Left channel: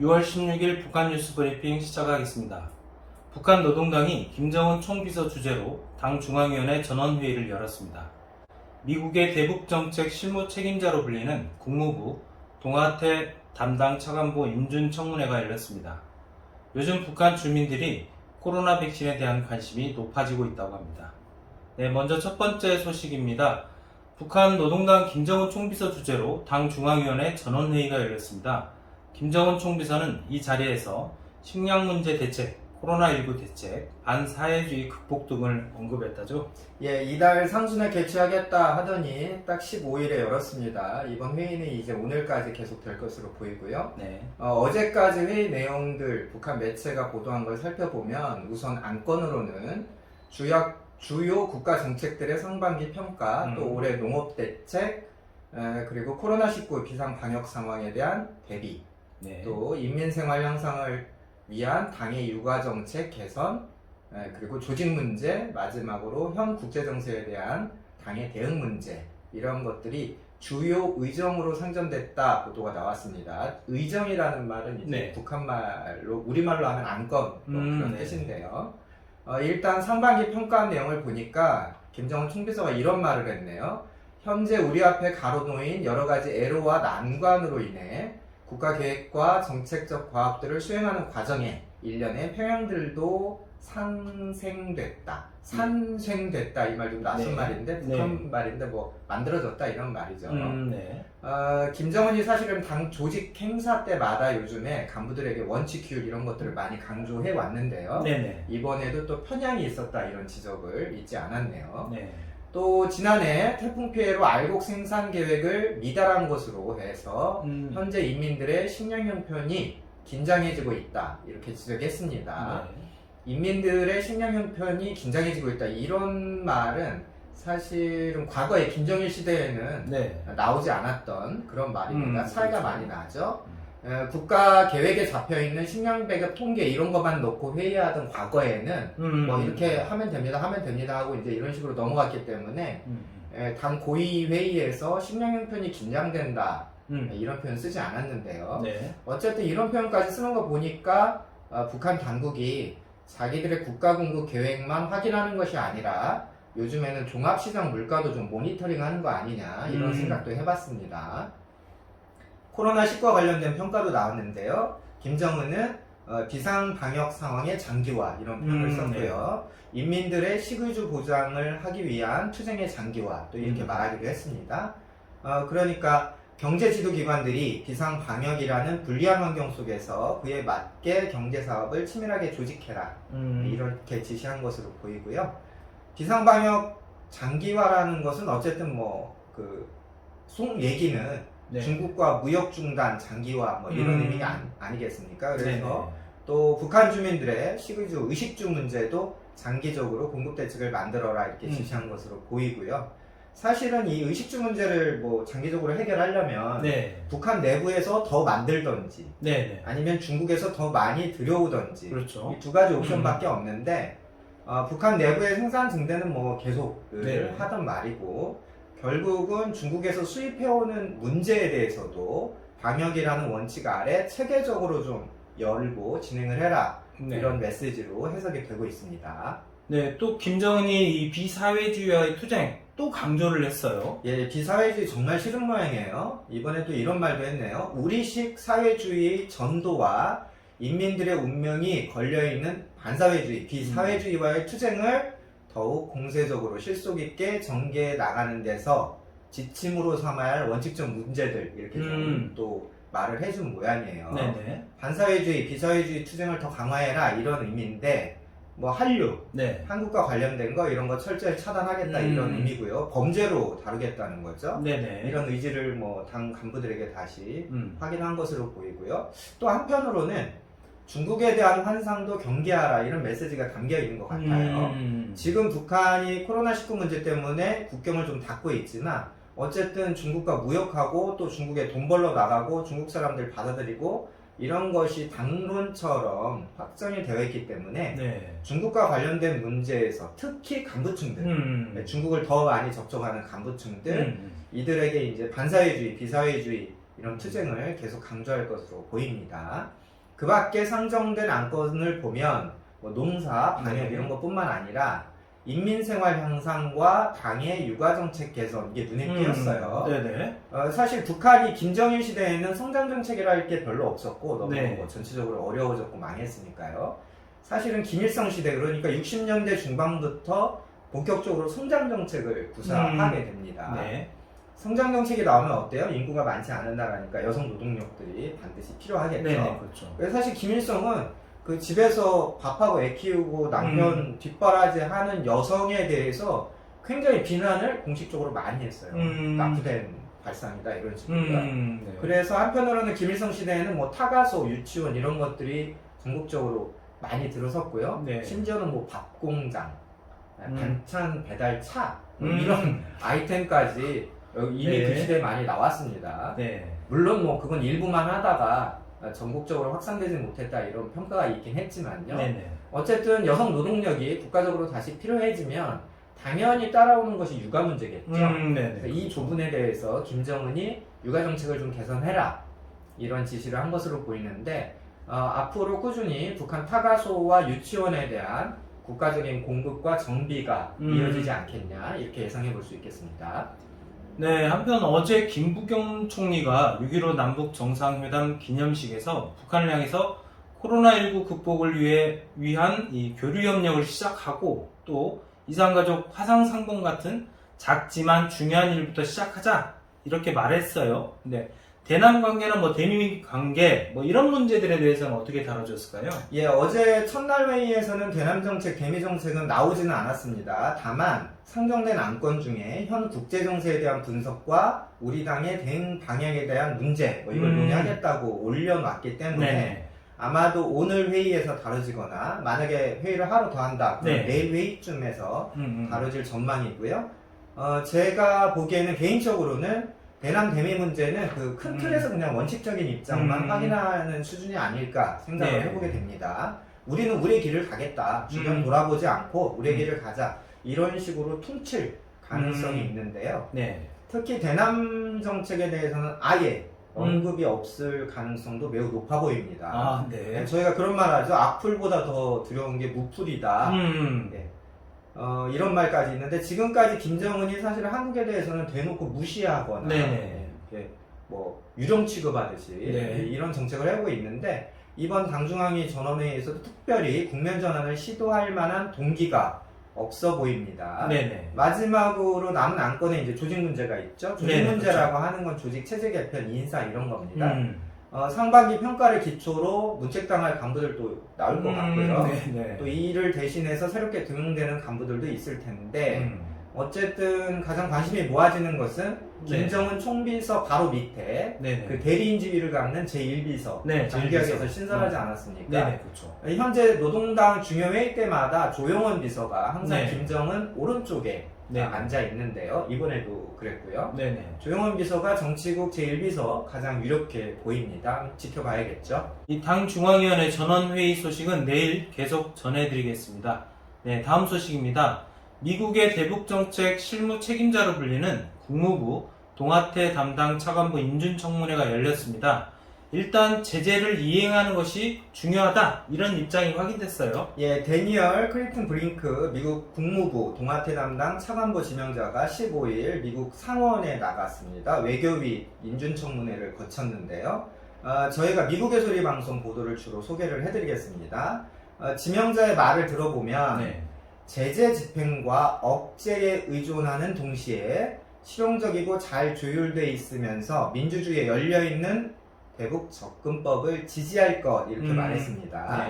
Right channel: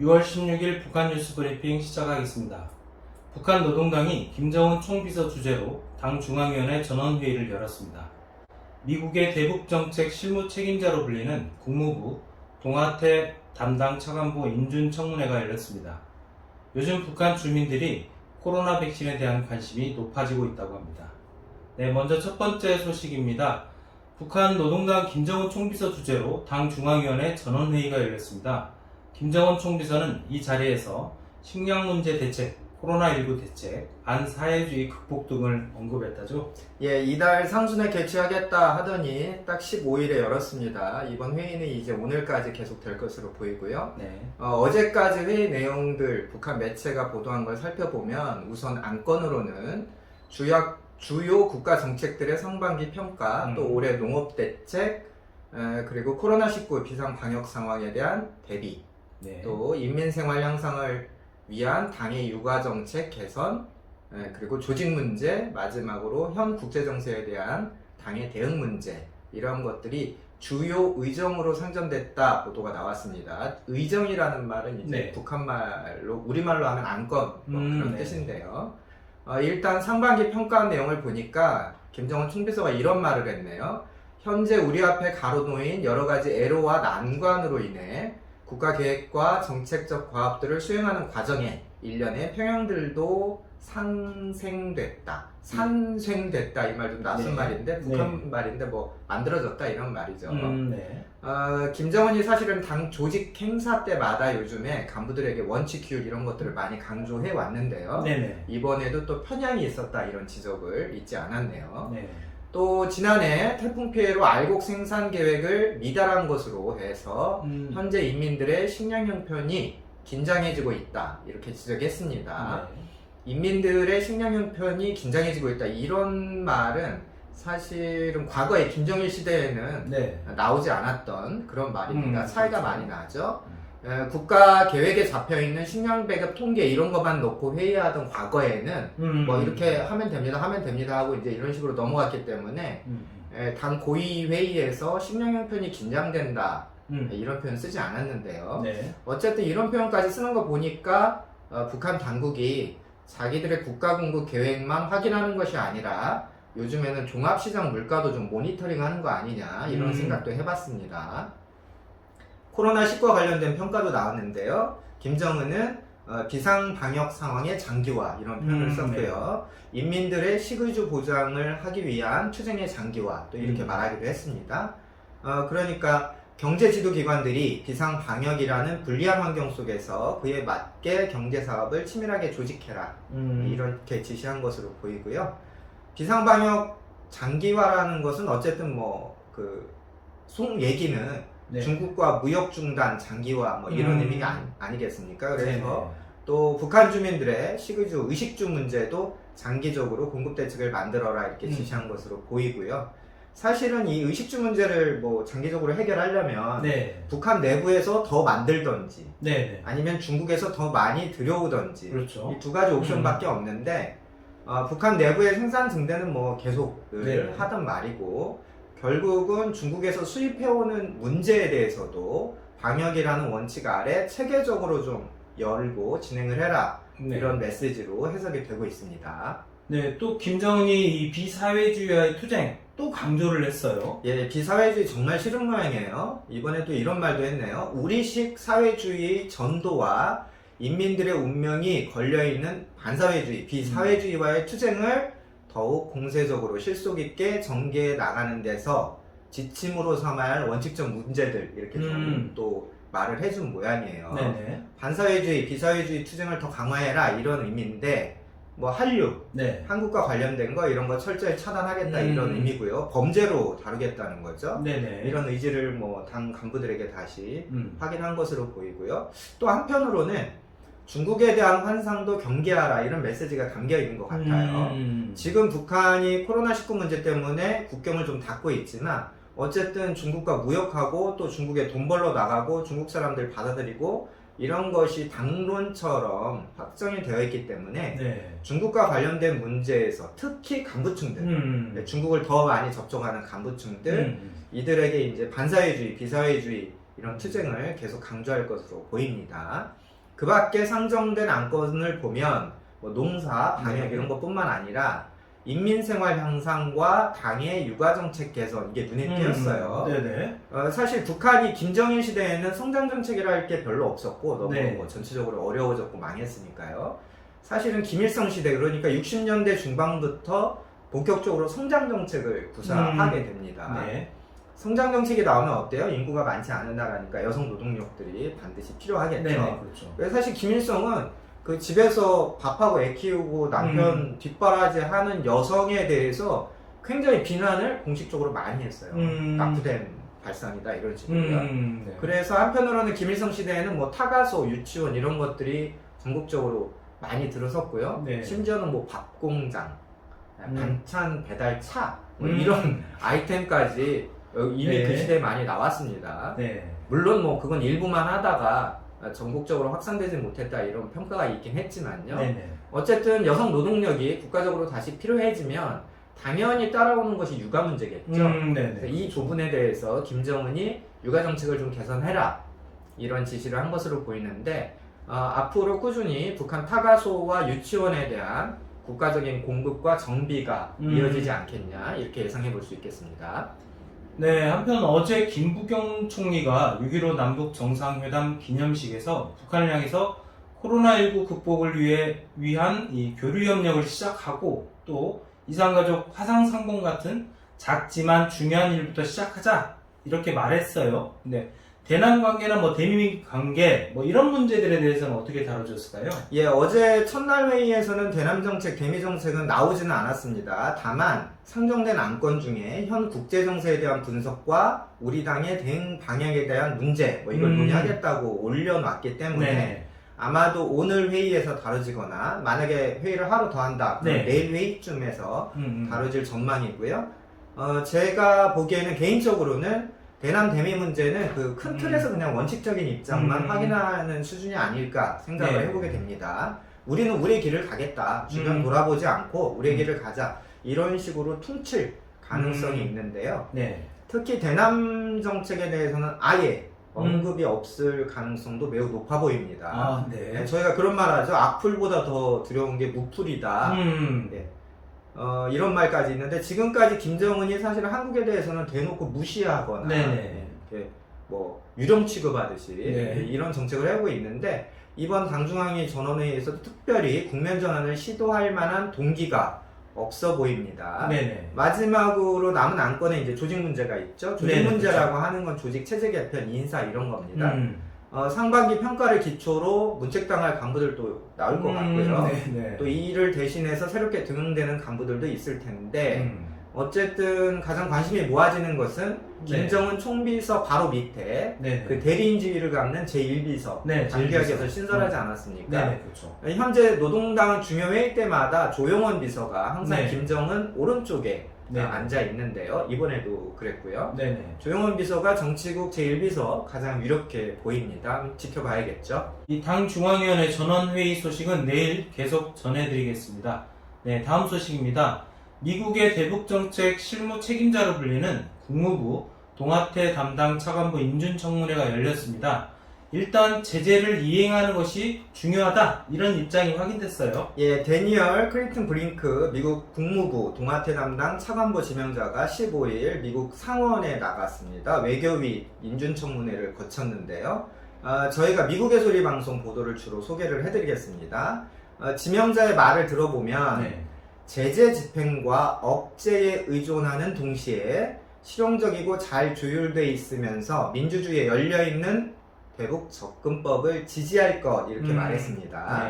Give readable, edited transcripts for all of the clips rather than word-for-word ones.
6월 16일 북한 뉴스 브리핑 시작하겠습니다. 북한 노동당이 김정은 총비서 주재로 당 중앙위원회 전원회의를 열었습니다. 미국의 대북정책 실무 책임자로 불리는 국무부 동아태 담당 차관보 임준 청문회가 열렸습니다. 요즘 북한 주민들이 코로나 백신에 대한 관심이 높아지고 있다고 합니다. 먼저 첫 번째 소식입니다. 북한 노동당 김정은 총비서 주재로 당 중앙위원회 전원회의가 열렸습니다. 김정은 총비서는 이 자리에서 식량 문제 대책, 코로나19 대책, 반사회주의 극복 등을 언급했다죠. 이달 상순에 개최하겠다 하더니 딱 15일에 열었습니다. 이번 회의는 이제 오늘까지 계속될 것으로 보이고요. 어제까지 회의 내용들 북한 매체가 보도한 걸 살펴보면 우선 안건으로는 주요 국가 정책들의 상반기 평가, 또 올해 농업 대책, 그리고 코로나19 비상 방역 상황에 대한 대비, 또 인민 생활 향상을 위한 당의 육아 정책 개선, 그리고 조직 문제, 마지막으로 현 국제 정세에 대한 당의 대응 문제, 이런 것들이 주요 의정으로 상정됐다 보도가 나왔습니다. 의정이라는 말은 이제 북한말로 우리말로 하면 안건 그런 뜻인데요. 일단 상반기 평가 내용을 보니까 김정은 총비서가 이런 말을 했네요. 현재 우리 앞에 가로놓인 여러 가지 애로와 난관으로 인해 국가계획과 정책적 과업들을 수행하는 과정에 일련의 평형들도 산생됐다. 산생됐다 이 말 좀 낯선 말인데 북한 말인데 뭐 만들어졌다 이런 말이죠. 김정은이 사실은 당 조직 행사 때마다 요즘에 간부들에게 원칙 규율 이런 것들을 많이 강조해 왔는데요. 이번에도 또 편향이 있었다 이런 지적을 잊지 않았네요. 또 지난해 태풍 피해로 알곡 생산 계획을 미달한 것으로 해서 현재 인민들의 식량 형편이 긴장해지고 있다 이렇게 지적했습니다. 인민들의 식량 형편이 긴장해지고 있다 이런 말은 사실은 과거에 김정일 시대에는 나오지 않았던 그런 말입니다. 차이가 많이 나죠. 국가 계획에 잡혀있는 식량 배급 통계 이런 것만 놓고 회의하던 과거에는 뭐 이렇게 하면 됩니다 하고 이제 이런 식으로 넘어갔기 때문에 당 고위 회의에서 식량 형편이 긴장된다 이런 표현 쓰지 않았는데요. 어쨌든 이런 표현까지 쓰는 거 보니까 북한 당국이 자기들의 국가 공급 계획만 확인하는 것이 아니라 요즘에는 종합시장 물가도 좀 모니터링하는 거 아니냐 이런 생각도 해봤습니다. 코로나19와 관련된 평가도 나왔는데요. 김정은은 비상방역 상황의 장기화 이런 표현을 썼고요. 인민들의 식의주 보장을 하기 위한 투쟁의 장기화 또 이렇게 말하기도 했습니다. 그러니까 경제지도기관들이 비상방역이라는 불리한 환경 속에서 그에 맞게 경제사업을 치밀하게 조직해라 이렇게 지시한 것으로 보이고요. 비상방역 장기화라는 것은 어쨌든 속 얘기는 중국과 무역 중단 장기화 이런 의미가 아니겠습니까? 그래서 또 북한 주민들의 식의주, 의식주 문제도 장기적으로 공급 대책을 만들어라 이렇게 지시한 것으로 보이고요. 사실은 이 의식주 문제를 장기적으로 해결하려면 북한 내부에서 더 만들던지 아니면 중국에서 더 많이 들여오던지 이 두 가지 옵션밖에 없는데 북한 내부의 생산 증대는 계속 하던 말이고 결국은 중국에서 수입해오는 문제에 대해서도 방역이라는 원칙 아래 체계적으로 좀 열고 진행을 해라 이런 메시지로 해석이 되고 있습니다. 또 김정은이 이 비사회주의와의 투쟁 또 강조를 했어요. 비사회주의 정말 싫은 모양이에요. 이번에도 이런 말도 했네요. 우리식 사회주의 전도와 인민들의 운명이 걸려있는 반사회주의, 비사회주의와의 투쟁을 더욱 공세적으로 실속 있게 전개해 나가는 데서 지침으로 삼아야 할 원칙적 문제들 이렇게 좀 또 말을 해준 모양이에요. 반사회주의, 비사회주의 투쟁을 더 강화해라 이런 의미인데 한류, 한국과 관련된 거 이런 거 철저히 차단하겠다 이런 의미고요. 범죄로 다루겠다는 거죠. 이런 의지를 당 간부들에게 다시 확인한 것으로 보이고요. 또 한편으로는 중국에 대한 환상도 경계하라 이런 메시지가 담겨 있는 것 같아요. 지금 북한이 코로나19 문제 때문에 국경을 좀 닫고 있지만 어쨌든 중국과 무역하고 또 중국에 돈 벌러 나가고 중국 사람들 받아들이고 이런 것이 당론처럼 확정이 되어 있기 때문에 중국과 관련된 문제에서 특히 간부층들 중국을 더 많이 접촉하는 간부층들 이들에게 이제 반사회주의, 비사회주의 이런 투쟁을 계속 강조할 것으로 보입니다. 그 밖에 상정된 안건을 보면 뭐 농사, 방역 네. 이런 것뿐만 아니라 인민생활 향상과 당의 육아정책 개선 이게 눈에 띄었어요. 네네. 사실 북한이 김정일 시대에는 성장정책이랄 게 별로 없었고 너무 네. 뭐 전체적으로 어려워졌고 망했으니까요. 사실은 김일성 시대 그러니까 60년대 중반부터 본격적으로 성장정책을 구사하게 됩니다. 네. 성장정책이 나오면 어때요? 인구가 많지 않은 나라니까 여성 노동력들이 반드시 필요하겠죠. 네네. 그렇죠. 그래서 사실 김일성은 그 집에서 밥하고 애 키우고 남편 뒷바라지 하는 여성에 대해서 굉장히 비난을 공식적으로 많이 했어요. 낙후된 발상이다 이런 식으로요. 네. 그래서 한편으로는 김일성 시대에는 뭐 타가소, 유치원 이런 것들이 전국적으로 많이 들어섰고요. 네. 심지어는 뭐 밥공장, 반찬 배달차 뭐 음. 이런 아이템까지 이미 네. 그 시대에 많이 나왔습니다. 네. 물론 뭐 그건 일부만 하다가 전국적으로 확산되지 못했다 이런 평가가 있긴 했지만요. 네네. 어쨌든 여성 노동력이 국가적으로 다시 필요해지면 당연히 따라오는 것이 육아 문제겠죠. 네네. 그래서 이 부분에 대해서 김정은이 육아 정책을 좀 개선해라 이런 지시를 한 것으로 보이는데 앞으로 꾸준히 북한 타가소와 유치원에 대한 국가적인 공급과 정비가 이어지지 않겠냐 이렇게 예상해 볼 수 있겠습니다. 네, 한편 어제 김부겸 총리가 6.15 남북 정상회담 기념식에서 북한을 향해서 코로나19 극복을 위한 이 교류 협력을 시작하고 또 이산가족 화상상봉 같은 작지만 중요한 일부터 시작하자 이렇게 말했어요. 근데 대남 관계나 뭐 대미 관계 뭐 이런 문제들에 대해서는 어떻게 다뤄졌을까요? 예, 어제 첫날 회의에서는 대남 정책, 대미 정책은 나오지는 않았습니다. 다만 상정된 안건 중에 현 국제 정세에 대한 분석과 우리 당의 대응 방향에 대한 문제 뭐 이걸 논의하겠다고 올려놨기 때문에 네. 아마도 오늘 회의에서 다뤄지거나 만약에 회의를 하루 더 한다 그럼 네. 내일 회의쯤에서 다뤄질 전망이고요. 제가 보기에는 개인적으로는 대남 대미 문제는 그 큰 틀에서 그냥 원칙적인 입장만 확인하는 수준이 아닐까 생각을 네. 해보게 됩니다. 우리는 우리의 길을 가겠다. 주변 돌아보지 않고 우리의 길을 가자. 이런 식으로 퉁칠 가능성이 있는데요. 네. 특히 대남 정책에 대해서는 아예 언급이 없을 가능성도 매우 높아 보입니다. 아, 네. 저희가 그런 말 하죠. 악플보다 더 두려운 게 무플이다. 네. 이런 말까지 있는데 지금까지 김정은이 사실 한국에 대해서는 대놓고 무시하거나 이렇게 뭐 유령 취급하듯이 이런 정책을 하고 있는데 이번 당중앙위 전원회의에서도 특별히 국면 전환을 시도할 만한 동기가 없어 보입니다. 네네. 마지막으로 남은 안건에 이제 조직 문제가 있죠. 조직 네네, 문제라고 그렇죠. 하는 건 조직 체제 개편, 인사 이런 겁니다. 상반기 평가를 기초로 문책당할 간부들도 나올 것 같고요. 또 이 일을 대신해서 새롭게 등용되는 간부들도 있을 텐데 어쨌든 가장 관심이 모아지는 것은 김정은 총비서 바로 밑에 그 대리인 지위를 갖는 제1비서 장기학에서 신설하지 않았습니까? 그렇죠. 현재 노동당 중요회의 때마다 조용원 비서가 항상 네. 김정은 오른쪽에 네. 앉아 있는데요. 이번에도 그랬고요. 네네. 조용원 비서가 정치국 제1비서 가장 유력해 보입니다. 지켜봐야겠죠. 이 당 중앙위원회 전원회의 소식은 내일 계속 전해드리겠습니다. 네, 다음 소식입니다. 미국의 대북정책 실무 책임자로 불리는 국무부 동아태 담당 차관보 인준청문회가 열렸습니다. 일단 제재를 이행하는 것이 중요하다 이런 입장이 확인됐어요. 예, 데니얼 크리튼 브링크 미국 국무부 동아태 담당 차관보 지명자가 15일 미국 상원에 나갔습니다. 외교위 인준청문회를 거쳤는데요. 저희가 미국의 소리 방송 보도를 주로 소개를 해드리겠습니다. 지명자의 말을 들어보면 제재 집행과 억제에 의존하는 동시에 실용적이고 잘 조율돼 있으면서 민주주의에 열려있는 대북 접근법을 지지할 것 이렇게 말했습니다.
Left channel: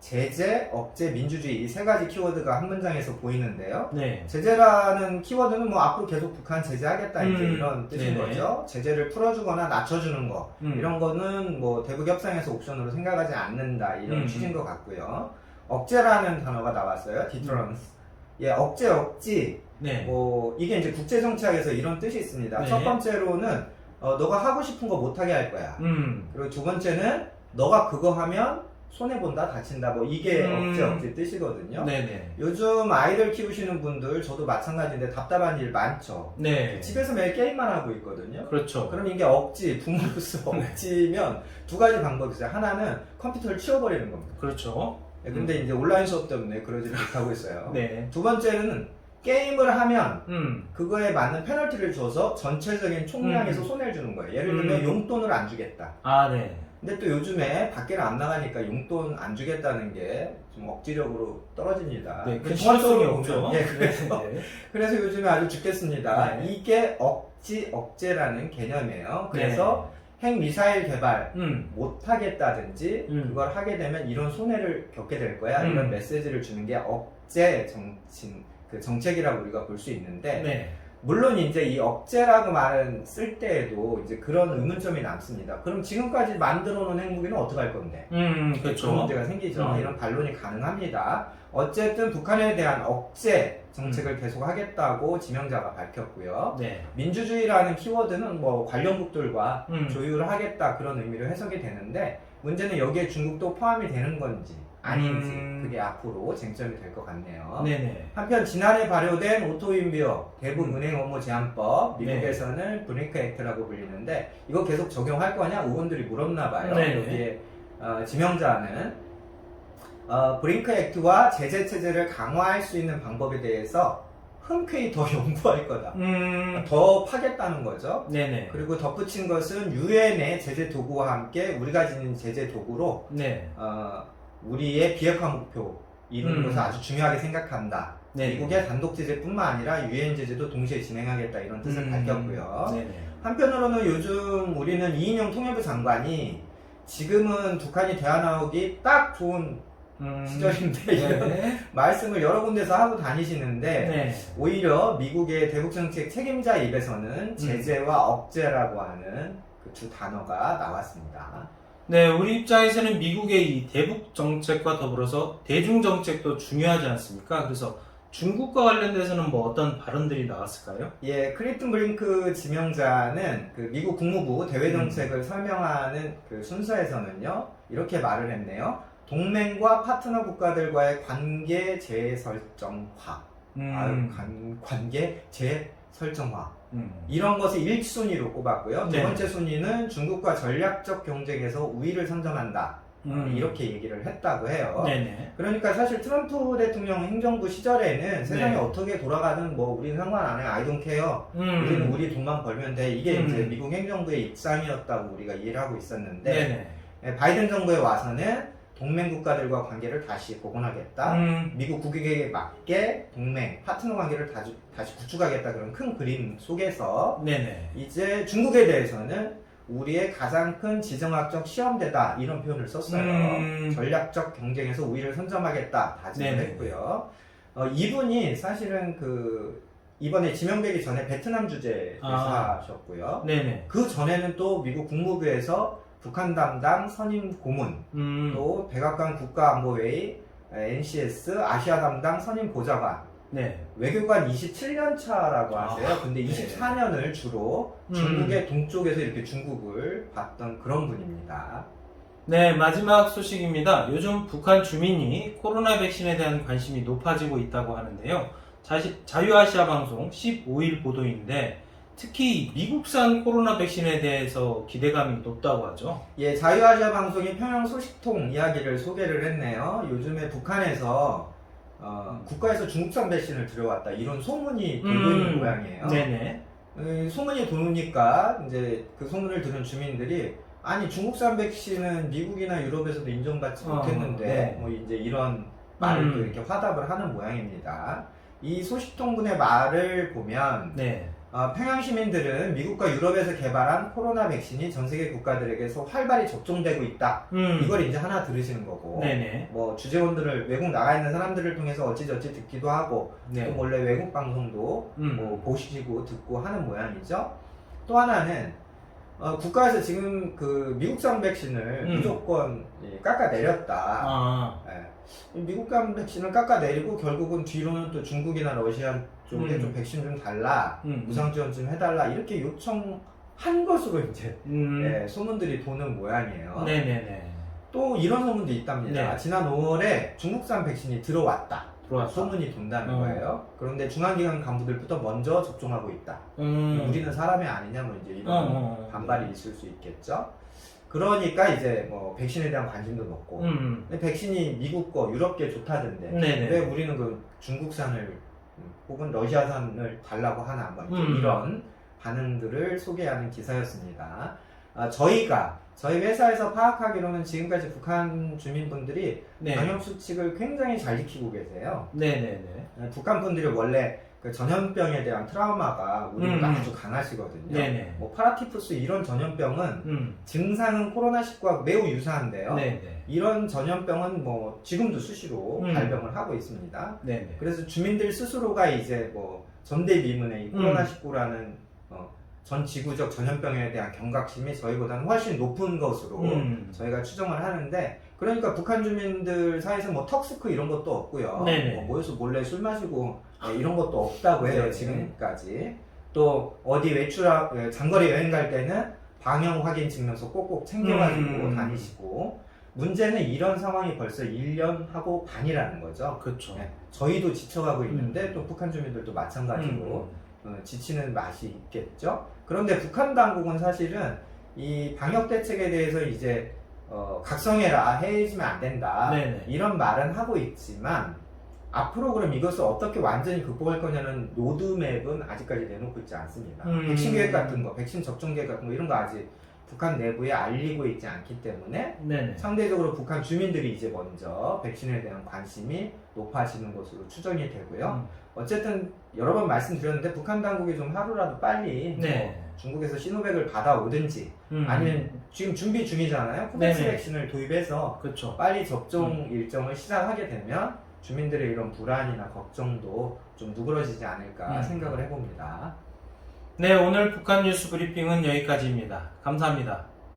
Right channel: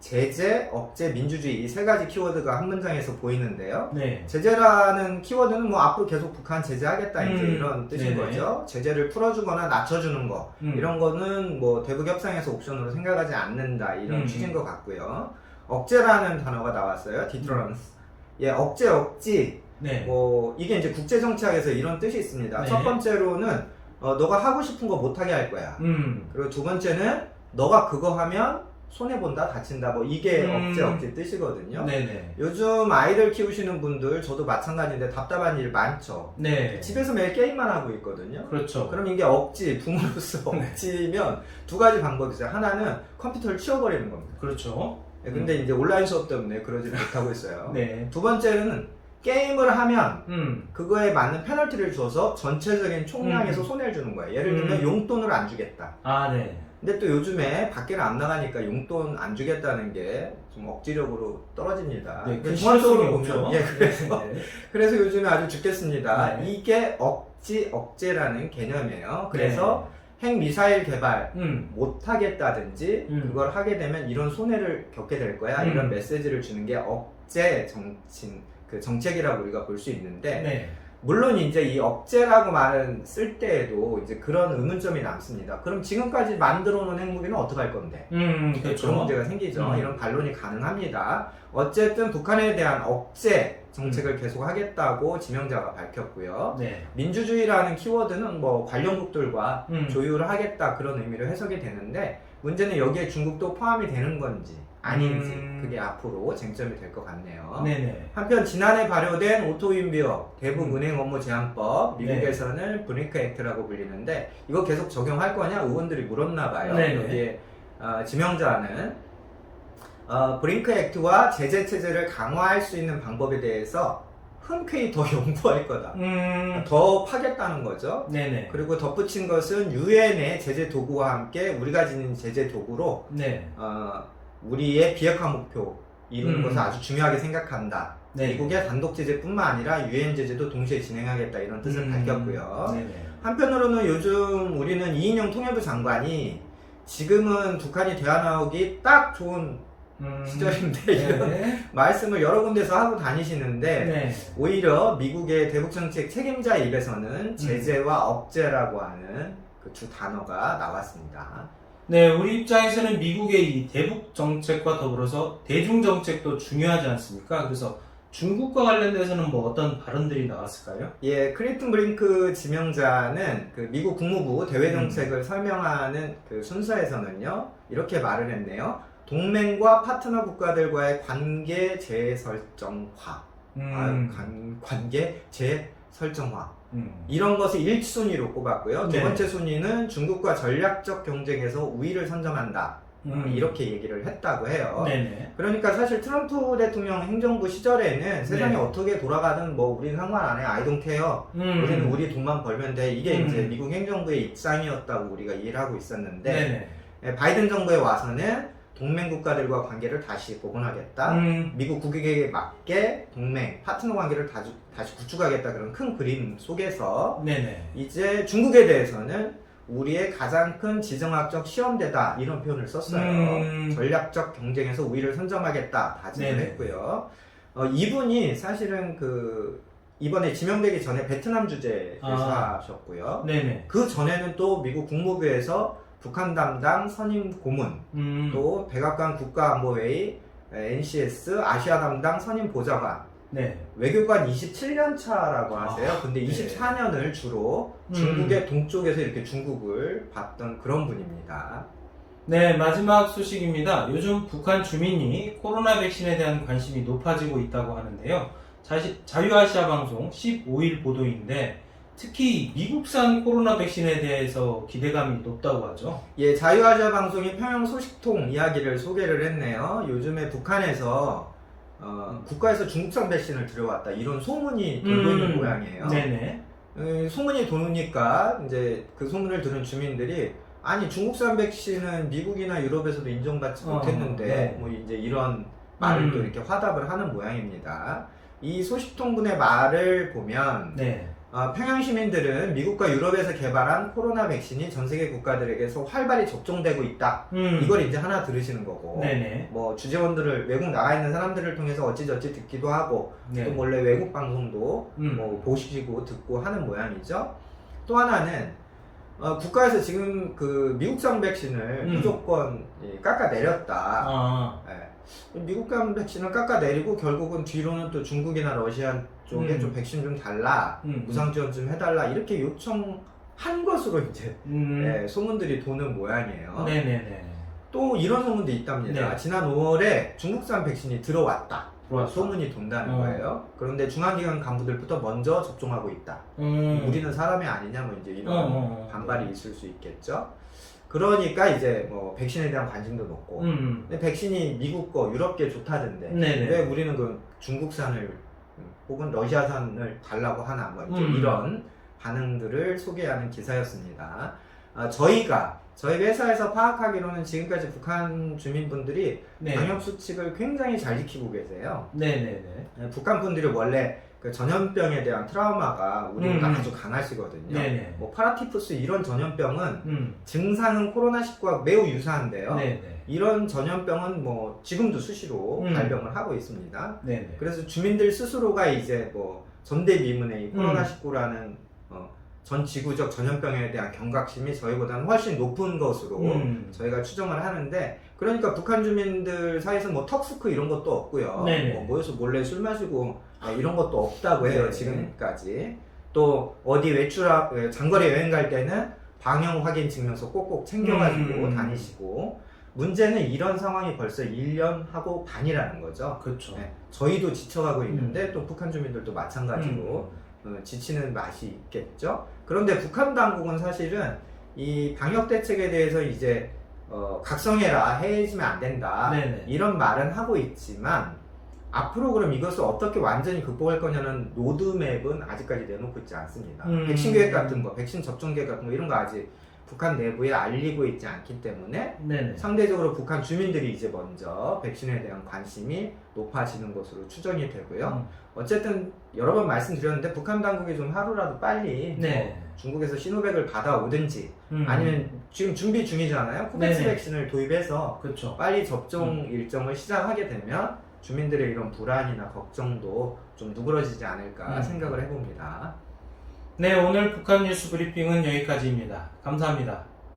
제재, 억제, 민주주의 이 세 가지 키워드가 한 문장에서 보이는데요. 제재라는 키워드는 뭐 앞으로 계속 북한 제재하겠다 이제 이런 뜻인 거죠. 제재를 풀어주거나 낮춰주는 거 이런 거는 뭐 대북 협상에서 옵션으로 생각하지 않는다 이런 취지인 것 같고요. 억제라는 단어가 나왔어요. deterrence. 예, 억제, 억지. 뭐 이게 이제 국제 정치학에서 이런 뜻이 있습니다. 첫 번째로는 너가 하고 싶은 거 못하게 할 거야. 그리고 두 번째는 너가 그거 하면 손해본다, 다친다, 뭐 이게 억제 뜻이거든요. 네네. 요즘 아이들 키우시는 분들, 저도 마찬가지인데 답답한 일 많죠. 네. 집에서 매일 게임만 하고 있거든요. 그렇죠. 그럼 이게 억지, 부모로서 억지면 두 가지 방법이 있어요. 하나는 컴퓨터를 치워버리는 겁니다. 그렇죠. 근데 이제 온라인 수업 때문에 그러지 못하고 있어요. 네. 두 번째는 게임을 하면 그거에 맞는 페널티를 줘서 전체적인 총량에서 손해를 주는 거예요. 예를 들면 용돈을 안 주겠다. 아, 네. 근데 또 요즘에 밖에는 안 나가니까 용돈 안 주겠다는 게 좀 억지력으로 떨어집니다. 네, 그 종합적으로 실효성이 없죠. 예, 그래서, 네. 그래서 요즘에 아주 죽겠습니다. 네. 이게 억제라는 개념이에요. 그래서 핵미사일 개발 못 하겠다든지 그걸 하게 되면 이런 손해를 겪게 될 거야. 이런 메시지를 주는 게 억제 정책이라고 우리가 볼 수 있는데, 네. 물론 이제 이 억제라고 말은 쓸 때에도 이제 그런 의문점이 남습니다. 그럼 지금까지 만들어 놓은 핵무기는 어떻게 할 건데? 그렇죠. 그런 문제가 생기죠. 이런 반론이 가능합니다. 어쨌든 북한에 대한 억제 정책을 계속 하겠다고 지명자가 밝혔고요. 네. 민주주의라는 키워드는 뭐 관련국들과 조율을 하겠다 그런 의미로 해석이 되는데, 문제는 여기에 중국도 포함이 되는 건지 아닌지 그게 앞으로 쟁점이 될 것 같네요. 네네. 한편 지난해 발효된 오토윈비어 대북 은행 업무 제한법, 미국에서는 브링크 액트라고 불리는데 이거 계속 적용할 거냐 의원들이 물었나 봐요. 여기에 지명자는 브링크 액트와 제재 체제를 강화할 수 있는 방법에 대해서 흔쾌히 더 연구할 거다. 더 파겠다는 거죠. 네네. 그리고 덧붙인 것은 유엔의 제재 도구와 함께 우리가 지닌 제재 도구로 우리의 비핵화 목표 이루는 것을 아주 중요하게 생각한다. 미국의 단독 제재뿐만 아니라 유엔 제재도 동시에 진행하겠다 이런 뜻을 밝혔고요. 한편으로는 요즘 우리는 이인영 통일부 장관이 지금은 북한이 대화 나오기 딱 좋은 시절인데 이런 말씀을 여러 군데서 하고 다니시는데 오히려 미국의 대북정책 책임자 입에서는 제재와 억제라고 하는 그 두 단어가 나왔습니다. 네, 우리 입장에서는 미국의 이 대북 정책과 더불어서 대중 정책도 중요하지 않습니까? 그래서 중국과 관련돼서는 뭐 어떤 발언들이 나왔을까요? 예, 크리튼 브링크 지명자는 그 미국 국무부 대외 정책을 설명하는 그 순서에서는요, 이렇게 말을 했네요. 동맹과 파트너 국가들과의 관계 재설정화. 관계 재설정화. 이런 것을 1순위로 꼽았고요. 두 번째 순위는 중국과 전략적 경쟁에서 우위를 선점한다. 이렇게 얘기를 했다고 해요. 그러니까 사실 트럼프 대통령 행정부 시절에는 세상이 어떻게 돌아가든 뭐 우리는 상관 안 해. I don't care. 우리는 우리 돈만 벌면 돼. 이게 이제 미국 행정부의 입장이었다고 우리가 이해를 하고 있었는데 바이든 정부에 와서는 동맹 국가들과 관계를 다시 복원하겠다. 미국 국익에 맞게 동맹, 파트너 관계를 다시 구축하겠다. 그런 큰 그림 속에서 이제 중국에 대해서는 우리의 가장 큰 지정학적 시험대다 이런 표현을 썼어요. 전략적 경쟁에서 우위를 선점하겠다 다짐을 했고요. 이분이 사실은 그 이번에 지명되기 전에 베트남 주재 대사셨고요. 그 전에는 또 미국 국무부에서 북한 담당 선임 고문, 또 백악관 국가안보회의 NCS 아시아 담당 선임 보좌관, 외교관 27년 차라고 하세요. 근데 24년을 주로 중국의 동쪽에서 이렇게 중국을 봤던 그런 분입니다. 네, 마지막 소식입니다. 요즘 북한 주민이 코로나 백신에 대한 관심이 높아지고 있다고 하는데요. 자유아시아 방송 15일 보도인데 특히 미국산 코로나 백신에 대해서 기대감이 높다고 하죠. 예, 자유아시아 방송이 평양 소식통 이야기를 소개를 했네요. 요즘에 북한에서 국가에서 중국산 백신을 들여왔다 이런 소문이 돌고 있는 모양이에요. 소문이 도니까 이제 그 소문을 들은 주민들이 아니 중국산 백신은 미국이나 유럽에서도 인정받지 못했는데 뭐 이제 이런 말을 또 이렇게 화답을 하는 모양입니다. 이 소식통분의 말을 보면 평양 시민들은 미국과 유럽에서 개발한 코로나 백신이 전 세계 국가들에게서 활발히 접종되고 있다. 이걸 이제 하나 들으시는 거고, 뭐 주재원들을 외국 나가 있는 사람들을 통해서 어찌저찌 듣기도 하고, 또 원래 외국 방송도 뭐 보시고 듣고 하는 모양이죠. 또 하나는 국가에서 지금 그 미국산 백신을 무조건 깎아내렸다. 미국산 백신을 깎아내리고 결국은 뒤로는 또 중국이나 러시아 쪽에 좀 백신 좀 달라, 무상 지원 좀 해달라 이렇게 요청한 것으로 이제 소문들이 도는 모양이에요. 또 이런 소문도 있답니다. 네. 지난 5월에 중국산 백신이 들어왔다. 들어왔다. 소문이 돈다는 거예요. 그런데 중앙기관 간부들부터 먼저 접종하고 있다. 우리는 사람이 아니냐 뭐 이제 이런 반발이 있을 수 있겠죠. 그러니까 이제 뭐 백신에 대한 관심도 높고 근데 백신이 미국 거 유럽계 좋다던데 네네. 왜 우리는 그 중국산을 혹은 러시아산을 달라고 하나 뭐 이제 이런 반응들을 소개하는 기사였습니다. 저희 회사에서 파악하기로는 지금까지 북한 주민분들이 네. 방역 수칙을 굉장히 잘 지키고 계세요. 네네네. 북한 분들이 원래 그 전염병에 대한 트라우마가 우리보다 아주 강하시거든요. 네네. 뭐 파라티푸스 이런 전염병은 증상은 코로나19와 매우 유사한데요. 네네. 이런 전염병은 뭐 지금도 수시로 발병을 하고 있습니다. 네네. 그래서 주민들 스스로가 이제 뭐 전대미문의 이 코로나19라는 전 지구적 전염병에 대한 경각심이 저희보다는 훨씬 높은 것으로 저희가 추정을 하는데, 그러니까 북한 주민들 사이에서 뭐 턱스크 이런 것도 없고요. 뭐 모여서 몰래 술 마시고 이런 것도 없다고 해요. 지금까지. 또 어디 장거리 여행 갈 때는 방역 확인 증명서 꼭꼭 챙겨가지고 다니시고, 문제는 이런 상황이 벌써 1년하고 반이라는 거죠. 그렇죠. 네, 저희도 지쳐가고 있는데 또 북한 주민들도 마찬가지로 지치는 맛이 있겠죠. 그런데 북한 당국은 사실은 이 방역 대책에 대해서 이제 각성해라, 해지면 안 된다, 네네. 이런 말은 하고 있지만 앞으로 그럼 이것을 어떻게 완전히 극복할 거냐는 로드맵은 아직까지 내놓고 있지 않습니다. 백신 계획 같은 거, 백신 접종 계획 같은 거 이런 거 아직 북한 내부에 알리고 있지 않기 때문에 네네. 상대적으로 북한 주민들이 이제 먼저 백신에 대한 관심이 높아지는 것으로 추정이 되고요. 어쨌든 여러 번 말씀드렸는데 북한 당국이 좀 하루라도 빨리 네. 뭐 중국에서 시노백을 받아오든지 아니면 지금 준비 중이잖아요. 코백스 네네. 백신을 도입해서 그렇죠. 빨리 접종 일정을 시작하게 되면 주민들의 이런 불안이나 걱정도 좀 누그러지지 않을까 생각을 해봅니다. 네, 오늘 북한 뉴스 브리핑은 여기까지입니다. 감사합니다.